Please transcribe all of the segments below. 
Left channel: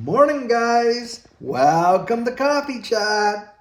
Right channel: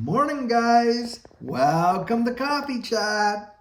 Morning, guys. Welcome to Coffee Chat.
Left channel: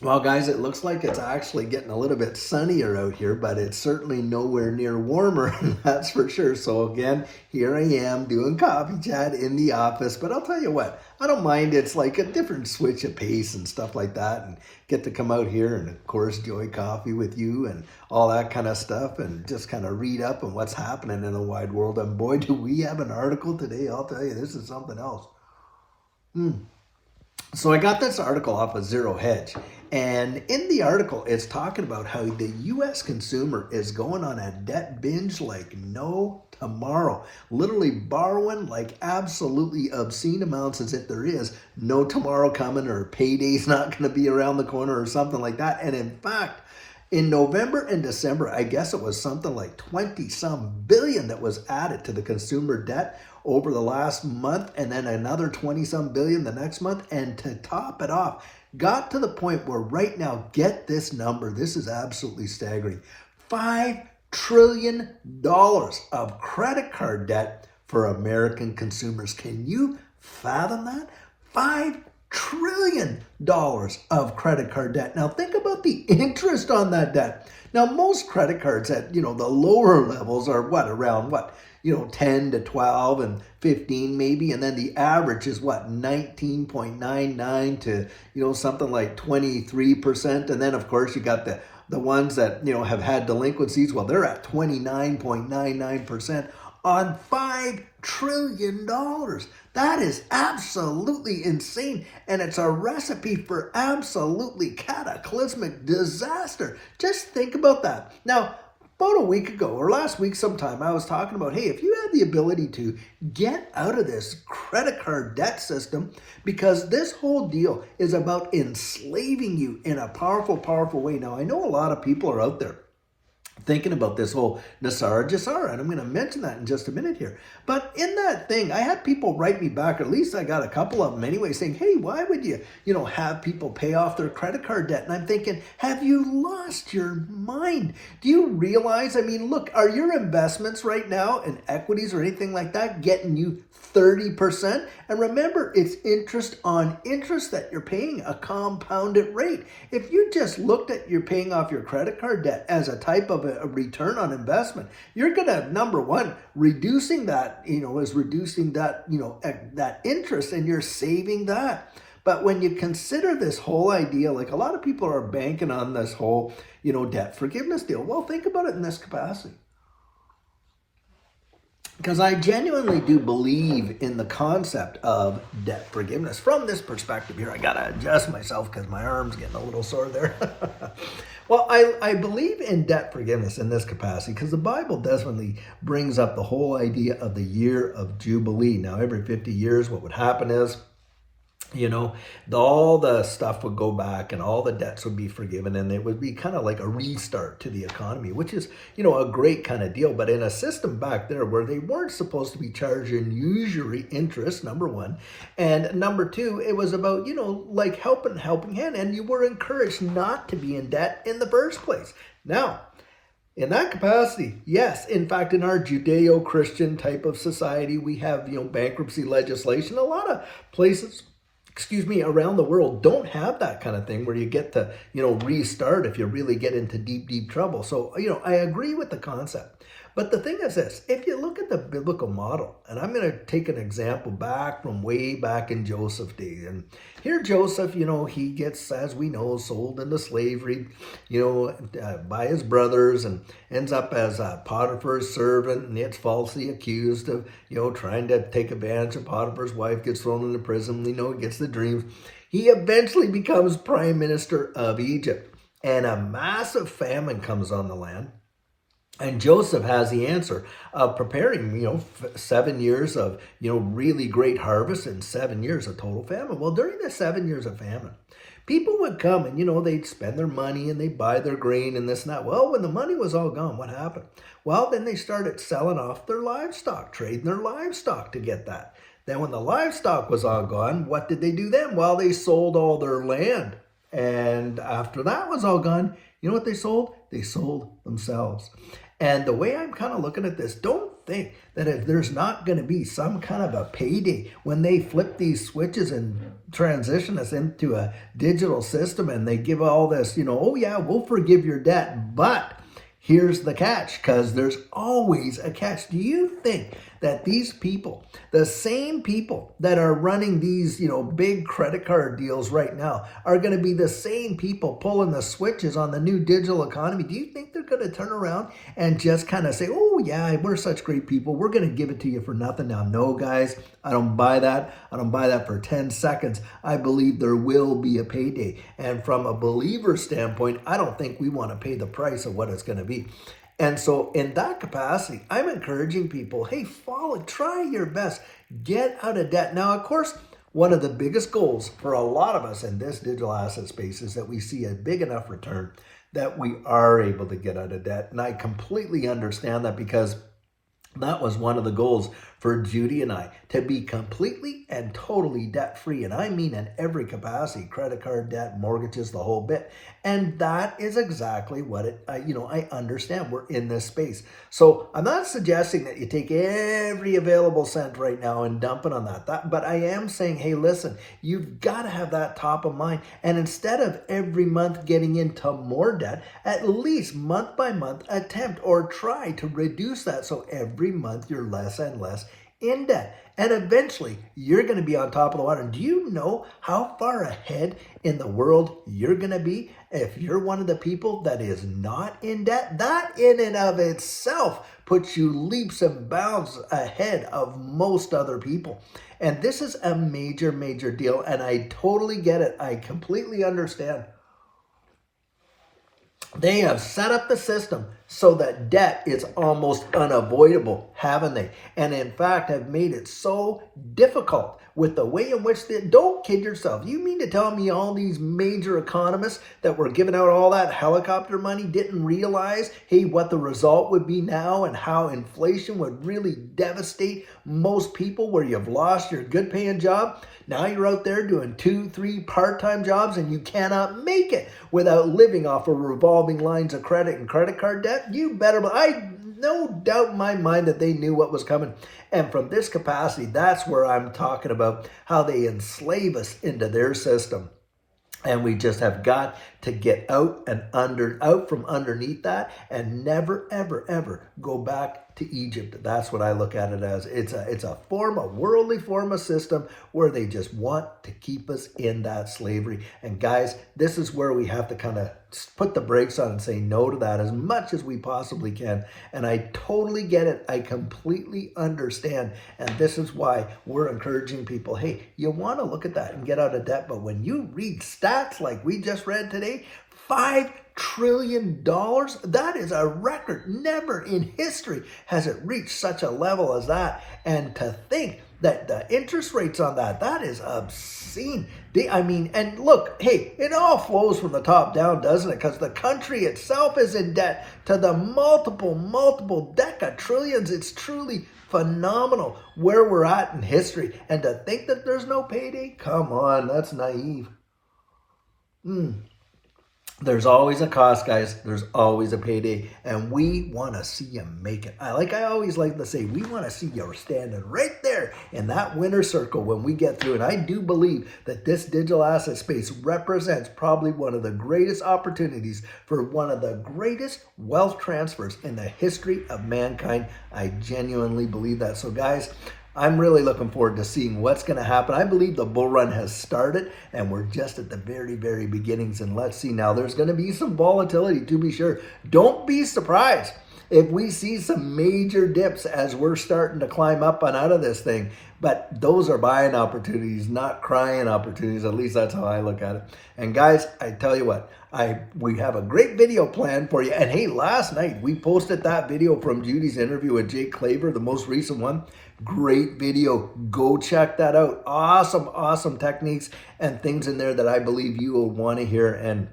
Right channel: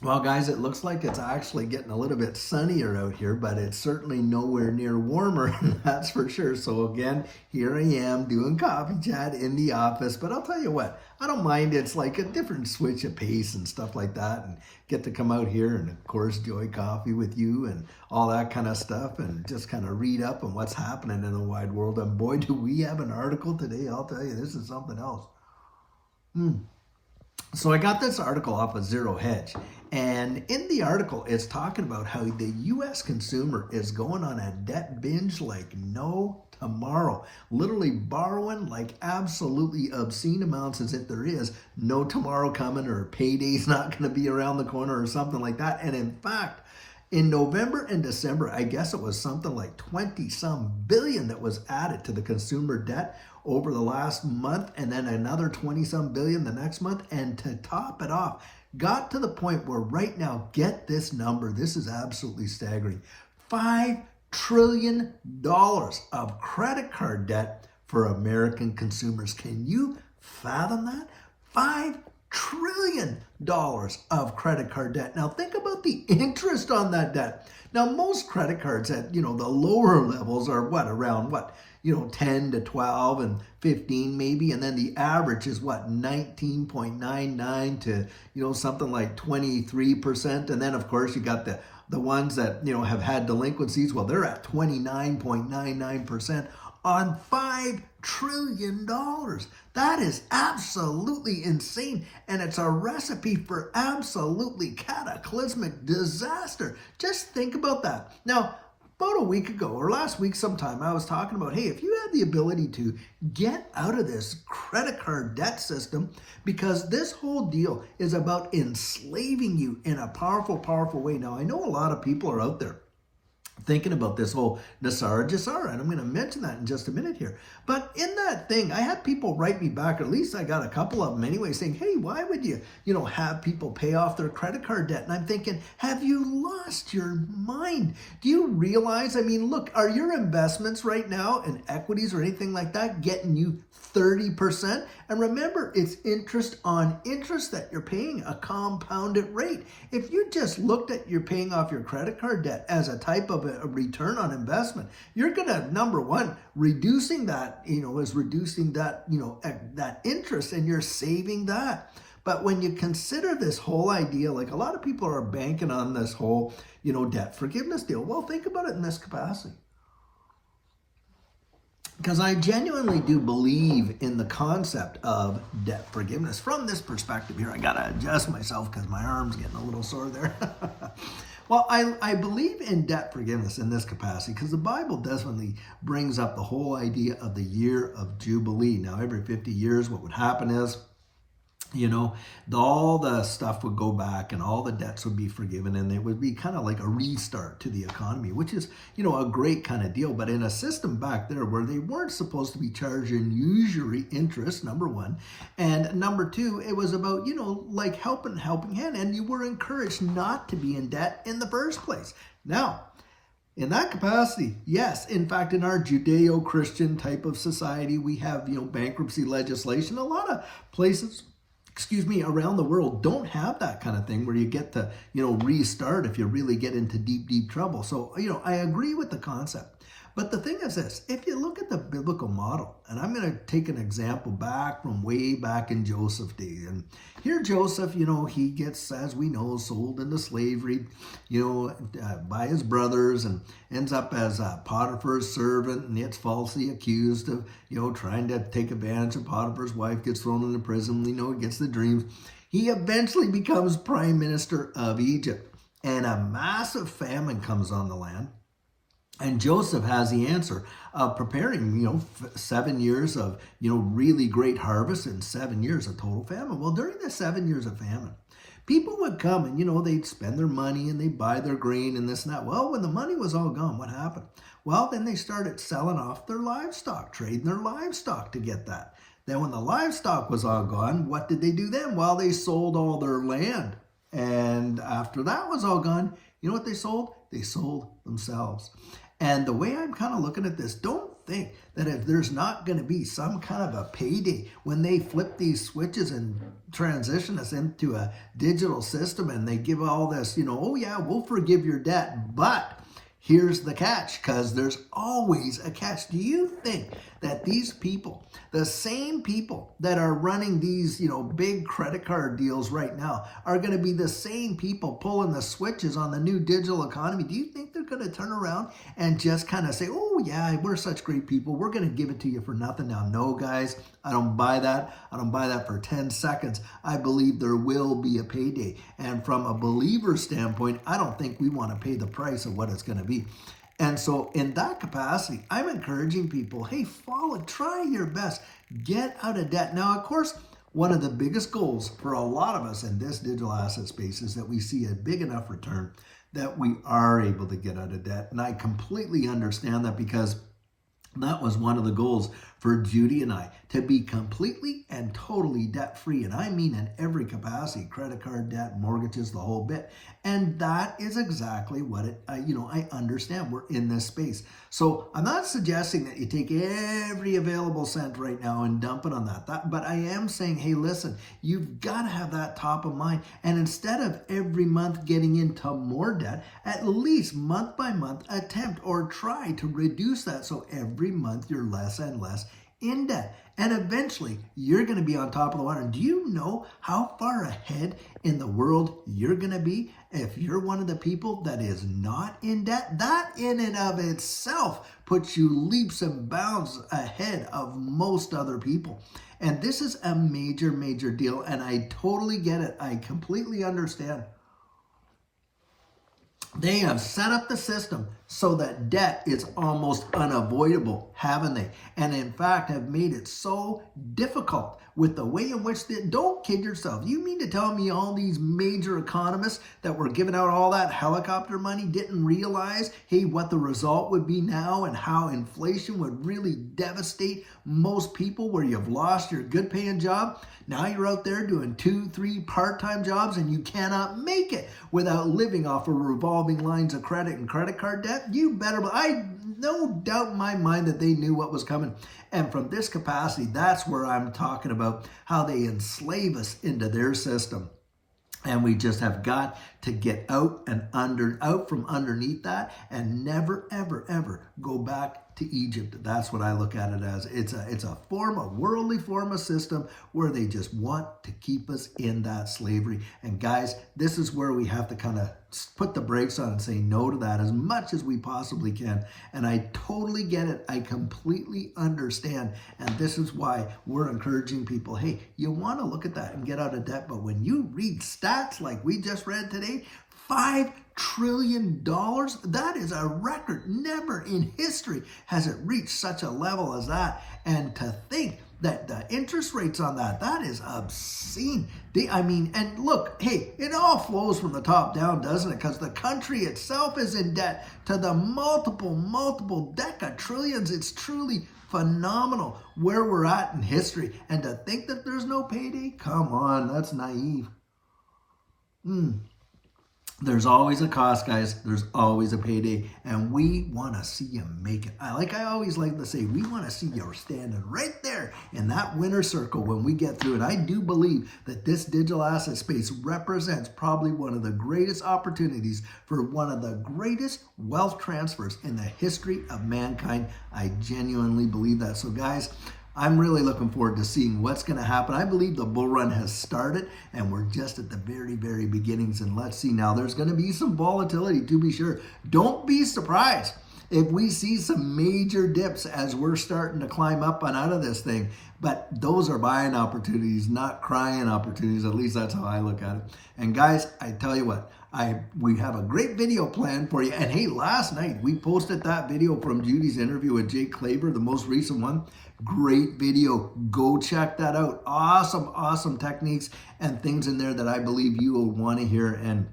Well, guys, it looks like it's actually getting a little bit sunnier out here, but it's certainly nowhere near warmer, that's for sure. So again, here I am doing Coffee Chat in the office, but I'll tell you what, I don't mind. It's like a different switch of pace and stuff like that, and get to come out here and, of course, enjoy coffee with you and all that kind of stuff, and just kind of read up on what's happening in the wide world. And boy, do we have an article today. I'll tell you, this is something else. So I got this article off of Zero Hedge, and in the article, it's talking about how the U.S. consumer is going on a debt binge like no tomorrow, literally borrowing like absolutely obscene amounts as if there is no tomorrow coming or payday's not going to be around the corner or something like that. And in fact, in November and December, I guess it was something like 20 some billion that was added to the consumer debt over the last month, and then another 20 some billion the next month. And to top it off, got to the point where right now, get this number, this is absolutely staggering, $5 trillion of credit card debt for American consumers. Can you fathom that? $5 trillion of credit card debt. Now think about the interest on that debt. Now most credit cards at, the lower levels are around 10 to 12 and 15 maybe, and then the average is 19.99 to something like 23%. And then of course you got the ones that have had delinquencies. Well, they're at 29.99% on $5 trillion. That is absolutely insane, and it's a recipe for absolutely cataclysmic disaster. Just think about that. Now, about a week ago or last week sometime, I was talking about, hey, if you had the ability to get out of this credit card debt system, because this whole deal is about enslaving you in a powerful, powerful way. Now, I know a lot of people are out there thinking about this whole Nasara Jasara, and I'm going to mention that in just a minute here. But in that thing, I had people write me back, or at least I got a couple of them anyway, saying, hey, why would you, have people pay off their credit card debt? And I'm thinking, have you lost your mind? Do you realize, look, are your investments right now in equities or anything like that getting you 30%? And remember, it's interest on interest that you're paying, a compounded rate. If you just looked at you're paying off your credit card debt as a type of a return on investment, you're going to, number one, reducing that, that interest, and you're saving that. But when you consider this whole idea, like a lot of people are banking on this whole, debt forgiveness deal. Well, think about it in this capacity. Because I genuinely do believe in the concept of debt forgiveness. From this perspective here, I got to adjust myself because my arm's getting a little sore there. Well, I believe in debt forgiveness in this capacity because the Bible definitely brings up the whole idea of the year of Jubilee. Now, every 50 years, what would happen is, all the stuff would go back and all the debts would be forgiven, and it would be kind of like a restart to the economy, which is, a great kind of deal. But in a system back there where they weren't supposed to be charging usury interest, number one, and number two, it was about, like helping hand, and you were encouraged not to be in debt in the first place. Now, in that capacity, yes. In fact, in our Judeo-Christian type of society, we have, bankruptcy legislation. A lot of places around the world don't have that kind of thing where you get to, restart if you really get into deep, deep trouble. So, I agree with the concept. But the thing is this, if you look at the biblical model, and I'm going to take an example back from way back in Joseph's day. And here Joseph, he gets, as we know, sold into slavery, by his brothers, and ends up as Potiphar's servant, and gets falsely accused of, trying to take advantage of Potiphar's wife, gets thrown into prison, he gets the dreams. He eventually becomes prime minister of Egypt, and a massive famine comes on the land. And Joseph has the answer of preparing, 7 years of, really great harvest and 7 years of total famine. Well, during the 7 years of famine, people would come and, they'd spend their money and they'd buy their grain and this and that. Well, when the money was all gone, what happened? Well, then they started selling off their livestock, trading their livestock to get that. Then when the livestock was all gone, what did they do then? Well, they sold all their land. And after that was all gone, you know what they sold? They sold themselves. And the way I'm kind of looking at this, don't think that if there's not going to be some kind of a payday when they flip these switches and transition us into a digital system and they give all this, oh yeah, we'll forgive your debt, but here's the catch, because there's always a catch. Do you think that these people, the same people that are running these, big credit card deals right now, are going to be the same people pulling the switches on the new digital economy? Do you think they're going to turn around and just kind of say, oh yeah, we're such great people, we're going to give it to you for nothing? Now, no, guys, I don't buy that. I don't buy that for 10 seconds. I believe there will be a payday. And from a believer standpoint, I don't think we want to pay the price of what it's going to be. And so in that capacity, I'm encouraging people, hey, try your best, get out of debt. Now, of course, one of the biggest goals for a lot of us in this digital asset space is that we see a big enough return that we are able to get out of debt. And I completely understand that, because that was one of the goals for Judy and I, to be completely and totally debt-free. And I mean in every capacity, credit card debt, mortgages, the whole bit. And that is exactly what I understand. We're in this space. So I'm not suggesting that you take every available cent right now and dump it on that. But I am saying, hey, listen, you've got to have that top of mind. And instead of every month getting into more debt, at least month by month, attempt or try to reduce that. So every month you're less and less in debt. And eventually you're going to be on top of the water. And do you know how far ahead in the world you're going to be if you're one of the people that is not in debt? That in and of itself puts you leaps and bounds ahead of most other people. And this is a major, major deal. And I totally get it. I completely understand. They have set up the system so that debt is almost unavoidable, haven't they? And in fact, have made it so difficult with the way in which don't kid yourself. You mean to tell me all these major economists that were giving out all that helicopter money didn't realize, hey, what the result would be now and how inflation would really devastate most people where you've lost your good paying job? Now you're out there doing 2-3 part-time jobs and you cannot make it without living off of revolving lines of credit and credit card debt. You better, I no doubt in my mind that they knew what was coming. And from this capacity, that's where I'm talking about how they enslave us into their system. And we just have got to get out from underneath that and never, ever, ever go back to Egypt. That's what I look at it as. It's a worldly form of system where they just want to keep us in that slavery. And guys, this is where we have to kind of put the brakes on and say no to that as much as we possibly can. And I totally get it. I completely understand. And this is why we're encouraging people, hey, you want to look at that and get out of debt. But when you read stats like we just read today, $5 trillion, that is a record. Never in history has it reached such a level as that. And to think that the interest rates on that is obscene. And look, hey, it all flows from the top down, doesn't it? Because the country itself is in debt to the multiple trillions. It's truly phenomenal where we're at in history. And to think that there's no payday, come on, that's naive. There's always a cost, guys. There's always a payday. And we want to see you make it. I always like to say, we want to see you standing right there in that winner's circle when we get through. And I do believe that this digital asset space represents probably one of the greatest opportunities for one of the greatest wealth transfers in the history of mankind. I genuinely believe that. So guys, I'm really looking forward to seeing what's going to happen. I believe the bull run has started and we're just at the very, very beginnings. And let's see now, there's going to be some volatility to be sure. Don't be surprised if we see some major dips as we're starting to climb up and out of this thing. But those are buying opportunities, not crying opportunities. At least that's how I look at it. And guys, I tell you what, we have a great video planned for you. And hey, last night we posted that video from Judy's interview with Claver, the most recent one. Great video. Go check that out. Awesome techniques and things in there that I believe you will want to hear. And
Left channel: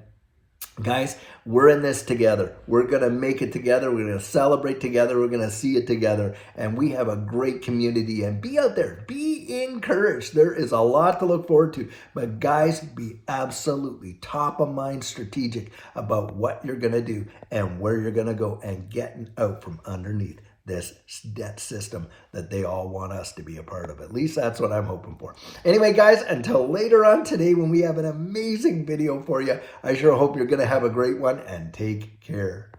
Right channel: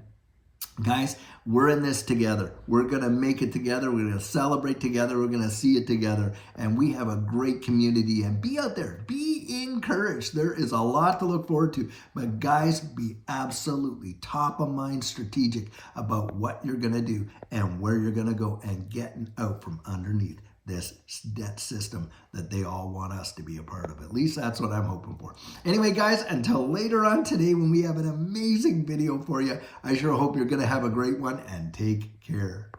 guys, we're in this together. We're going to make it together. We're going to celebrate together. We're going to see it together. And we have a great community. And be out there. Be encouraged. There is a lot to look forward to. But guys, be absolutely top of mind strategic about what you're going to do and where you're going to go and getting out from underneath this debt system that they all want us to be a part of. At least that's what I'm hoping for. Anyway, guys, until later on today when we have an amazing video for you, I sure hope you're going to have a great one and take care.